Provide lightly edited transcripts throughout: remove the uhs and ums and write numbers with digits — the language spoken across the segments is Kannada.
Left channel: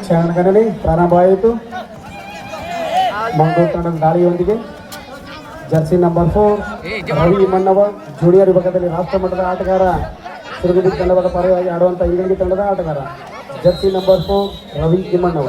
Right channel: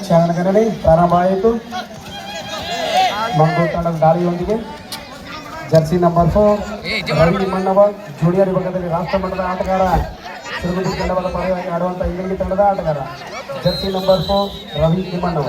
ಕ್ಷಣಗಣನೆ ಪ್ರಾರಂಭ ಆಯಿತು. ಮಂಗಳೂರು ತಂಡದ ದಾಳಿಯೊಂದಿಗೆ Jersey number 4 Ravi Mannava junior ವಿಭಾಗದಲ್ಲಿ ರಾಷ್ಟ್ರ ಮಟ್ಟದ ಆಟಗಾರ, ಸಿರುಗುಂದಿ ತಂಡದ ಪರವಾಗಿ ಆಡುವಂಥ ಇಂಗಳಗಿ ತಂಡದ ಆಟಗಾರ jersey number 4 Ravi Timmannava.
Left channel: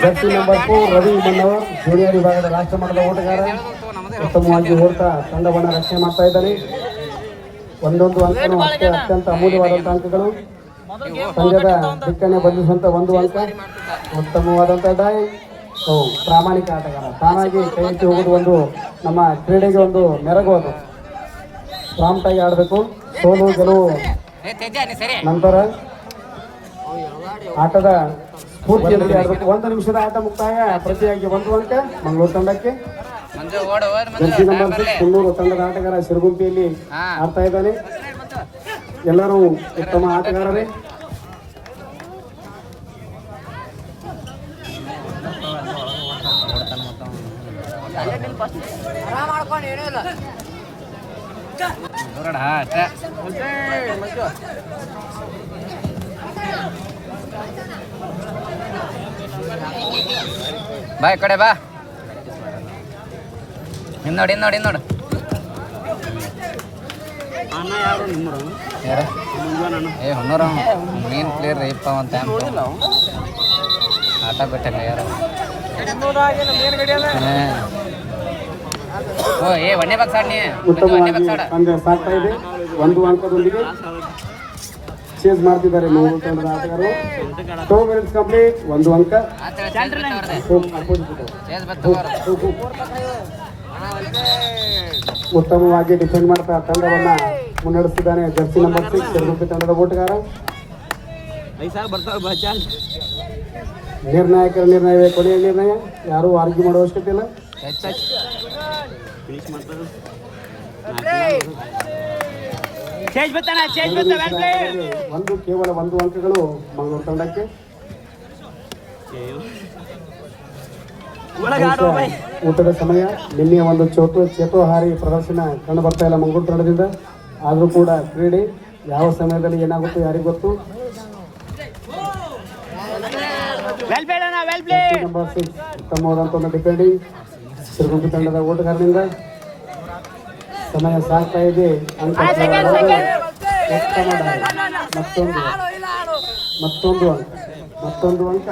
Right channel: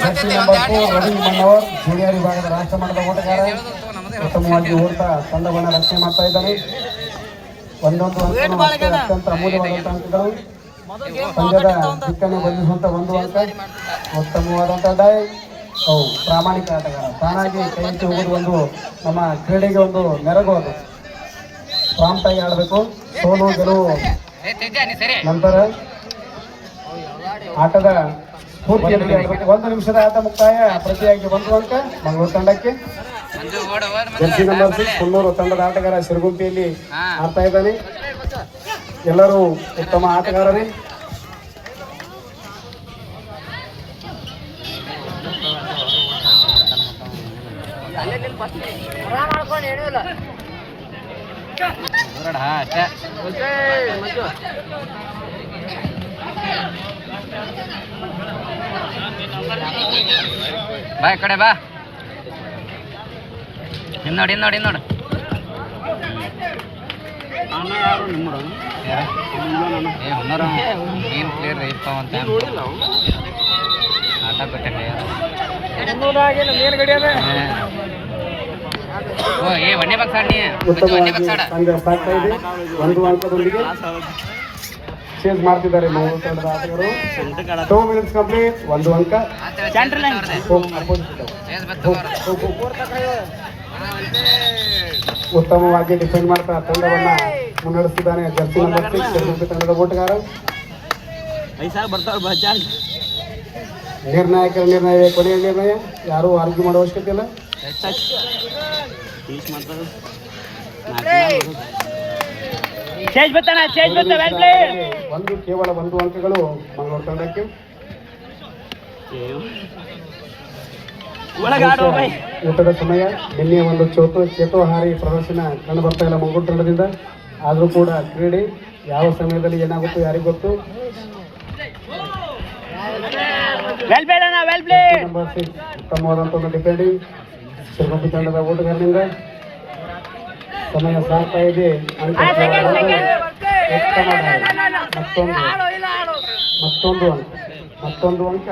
Jersey number 4 Ravi Mannavar junior ವಿಭಾಗದ ರಾಷ್ಟ್ರ ಮಟ್ಟದ ಓಟಗಾರ, ಉತ್ತಮವಾಗಿ ಓಡ್ತಾ ತಂಡವನ್ನು ರಕ್ಷಣೆ ಮಾಡ್ತಾ ಇದ್ದಾನೆ. ಒಂದೊಂದು ಅಂಕನೂ ಅತ್ಯಂತ ಅಮೂಲ್ಯವಾದಂಥ ಅಂಕಗಳು. ಪಂದ್ಯದ ದಿಕ್ಕನ್ನೇ ಬಂಧಿಸುವಂಥ ಒಂದು ಅಂಕ. ಉತ್ತಮವಾದಂಥ ಡೈ. ಪ್ರಾಮಾಣಿಕ ಆಟಗಾರ, ತಾನಾಗಿ ಕೈ ಎತ್ತಿ ಹೋಗೋದು ಒಂದು ನಮ್ಮ ಕ್ರೀಡೆಗೆ ಒಂದು ನೆರಗು. ಅದು ಪ್ರಾಂಪ್ಟಾಗಿ ಆಡಬೇಕು. ಸೋಲು ಗೆಲುವು ನಂತರ ಆಟದ ಸ್ಫೂರ್ತಿಯಲ್ಲಿ ಆಡಬೇಕು. 1 ನಿಮಿಷದ ಆಟ ಮುಕ್ತಾಯ. ಪ್ರತಿಯಾಗಿ 1 ಅಂಕ ಮಂಗಳೂರು ತಂಡಕ್ಕೆ. ಜರ್ಸಿ ನಂಬರ್ 6 ಕುನ್ನೂರು ತಂಡದ ಆಟಗಾರ ಸಿರುಗುಂಪಿಯಲ್ಲಿ ಆಡ್ತಾ ಇದ್ದಾನೆ. ಎಲ್ಲರೂ ಉತ್ತಮ ಆಟಗಾರರೇ. ಬಾ ಈ ಕಡೆ ಬಾ. ನೋಡಿ ಅಣ್ಣ ಯಾರು ನಿಮ್ಮರು? ಹೊನ್ನರು ಮೇನ್ ಪ್ಲೇಯರ್ ಇಪ್ಪ ಅಂತ ಆಟ ಕೊಟ್ಟೆ ಯಾರು. ಓ ಏ ಒಂದೇ ಬಾಕ್ಸ್ ಆಡಿ. ಪಂದ್ಯ ಸಾಗ್ತಾ ಇದೆ. 1 ಅಂಕದೊಂದಿಗೆ ಚೇಂಜ್ ಮಾಡ್ತಿದ್ದಾರೆ ಮಂಗಳೂರು ತಂಡದ ಆಟಗಾರರು. 2 ಮಿನಿಟ್ಸ್ ಕಂಪ್ಲೀಟ್. 1 ಅಂಕ. ಉತ್ತಮವಾಗಿ ಡಿಫೆಂಡ್ ಮಾಡ್ತಾ ತಂಡವನ್ನ ಮುನ್ನಡೆಸಿದ್ದಾನೆ ಜರ್ಸಿ ನಂಬರ್ 6 ಸಿರುಗುಂಪಿ ತಂಡದ ಓಟಗಾರ. ನಿರ್ಣಯವೇ ಕೊನೆಯ ನಿರ್ಣಯ. ಯಾರು ಆರ್ಗ್ಯೂ ಮಾಡುವ ಅವಶ್ಯಕತೆ ಇಲ್ಲ. ಕೇವಲ 1 ಅಂಕಗಳು ಮಂಗಳೂರು ತಂಡಕ್ಕೆ. ಊಟದ ಸಮಯ. ನಿನ್ನೆ ಒಂದು ಚೇತೋಹಾರಿ ಪ್ರದರ್ಶನ ಕಂಡು ಬರ್ತಾ ಇಲ್ಲ ಮಂಗಳೂರು ತಂಡದಿಂದ. ಆದರೂ ಕೂಡ ಕ್ರೀಡೆ ಯಾವ ಸಮಯದಲ್ಲಿ ಏನಾಗುತ್ತೋ ಯಾರಿಗೂ ಗೊತ್ತು. ನಂಬರ್ 6 ಉತ್ತಮವಾದಂಥ ಒಂದು ಡಿಫೆಂಡಿಂಗ್ ಸಿರುಗುಂಪಿ ತಂಡದ ಓಟಗಾರನಿಂದ. ಸಮಯ ಸಾಗ್ತಾ ಇದೆ. ಮತ್ತೊಂದು ಅಂಕ.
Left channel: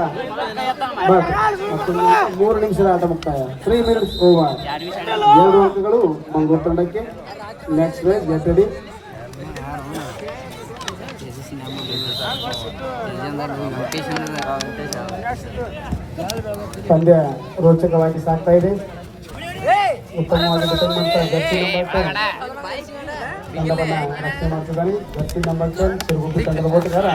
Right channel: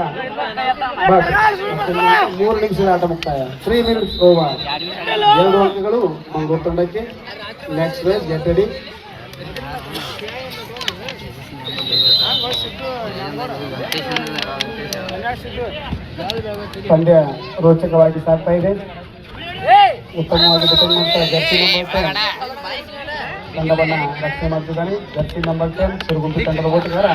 3 ನಿಮಿಷದ ಆಟ ಮುಕ್ತಾಯ. 3 ಮಿನಿಟ್ಸ್ ಓವರ್. 2 ಅಂಕಗಳು ಮಂಗಳೂರು ತಂಡಕ್ಕೆ. Next ways get ready. ಪಂದ್ಯ ರೋಚಕವಾಗಿ ಸಾಗ್ತಾ ಇದೆ. ಉತ್ತಮವಾಗಿ ಡಿಫೆಂಡ್ ಮಾಡ್ತಾ ಜರ್ಸಿ ನಂಬರ್ 10 ತಂಡವನ್ನು ರಕ್ಷಣೆ ಮಾಡ್ತಿದ್ದಾನೆ. ಜರ್ಸಿ ನಂಬರ್ 10 ಸಿರುಗುಂಪಿ ತಂಡದ ಓಟಗಾರ.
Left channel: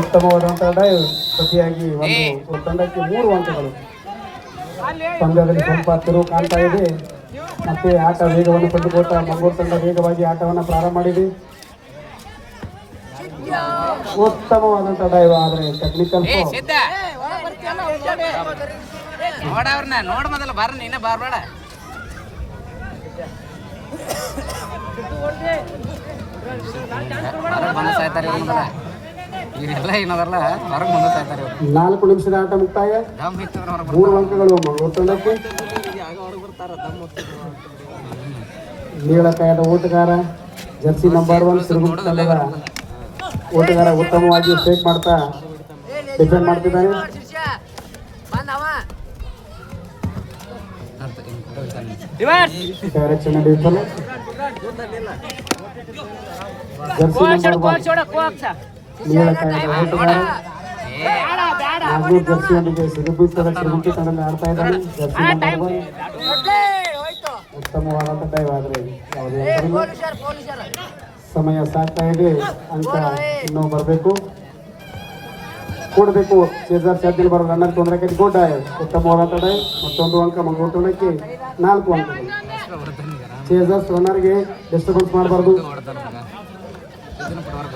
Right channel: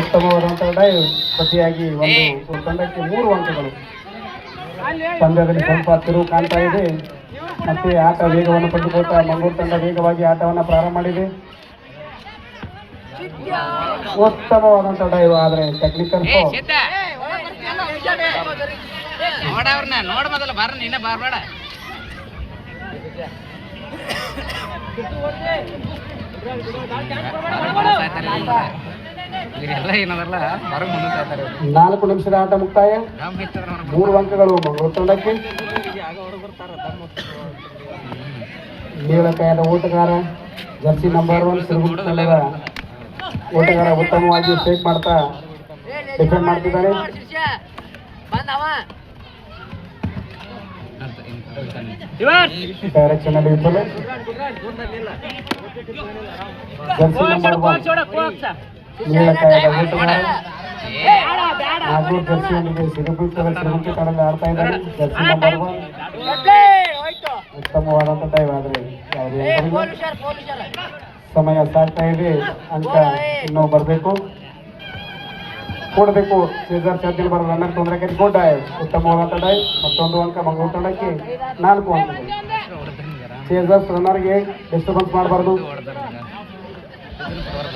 ಉತ್ತಮವಾದಂಥ ಡೈವ್. ಪ್ರತಿಯಾಗಿ ಒಂದು ತಂಡಕ್ಕೆ 3 ಅಂಕಗಳು. ಪಂದ್ಯದಲ್ಲಿ ಸ್ವಲ್ಪ ತಿರುವು ಕಾಣ್ತಾ ಇದೆ. ಮತ್ತೆ ಆಟ ವೇಗವನ್ನು ಪಡೆದುಕೊಟ್ಟ ಮಂಗಳೂರು ತಂಡ ವೇಗವಾಗಿ ಆಟವನ್ನು ಪ್ರಾರಂಭ ಮಾಡಿದೆ. ಉತ್ತಮವಾದಂಥ ಡೈವ್, ಆದರೆ ಟೆಕ್ನಿಕಲ್ ಫೌಲ್. ನಾಲ್ಕು ನಿಮಿಷದ ಆಟ ಮುಕ್ತಾಯ. 3 ಅಂಕಗಳು ಮಂಗಳೂರು ತಂಡಕ್ಕೆ. ನೀಳಕಾಯದ ಓಟಗಾರ ಜರ್ಸಿ ನಂಬರ್ 1 ಸಿರುಗುಂಪಿ ತಂಡದ ಓಟಗಾರ ಉತ್ತಮವಾಗಿ ಸ್ಟ್ರೈಕ್ ಮಾಡ್ತಾ ಡಿಫೆಂಡ್ ಮಾಡ್ತಿದ್ದಾನೆ. ಡೈರೆಕ್ಷನ್ ನಡೆಯುತ್ತದೆ. ಜರ್ಸಿ ನೀಳಕಾಯದ ಓಟಗಾರ ನಾಗೂರ್ ಜರ್ಸಿಯೊಂದಿಗೆ ಸಿರುಗುಂಪಿ ತಂಡದಲ್ಲಿ ಆಡ್ತಾ ಇದ್ದಾನೆ. ಜರ್ಸಿ ನಂಬರ್ 1 ಉತ್ತಮವಾದಂಥ ಟೈಮ್. ಆದರೆ ಯಾವುದೇ ಸಮಯ ಸಾಗ್ತಾ ಇದೆ. ಅಂಕ ಇನ್ನೂ ಬರಬೇಕು, ಕೂಡಬೇಕು. ಚೇಜರ್ ಸಾಧ್ಯದಲ್ಲಿ ಬರೋ ರನ್ನರ್ ತೊಂದರೆ ಗುಡ್ ಡೈ. ಉತ್ತಮವಾದಂಥ ಡೈ. ಮತ್ತೊಂದು ಅಂಕ ಮಂಗಳೂರು ತಂಡಕ್ಕೆ. 4 ಅಂಕಗಳು. ಚೇಜರ್ಸ್ ರನ್ನರ್ಗೆ ಡಿಸ್ಟರ್ಬೆನ್ಸ್ ಮಾಡಬಾರ್ದು.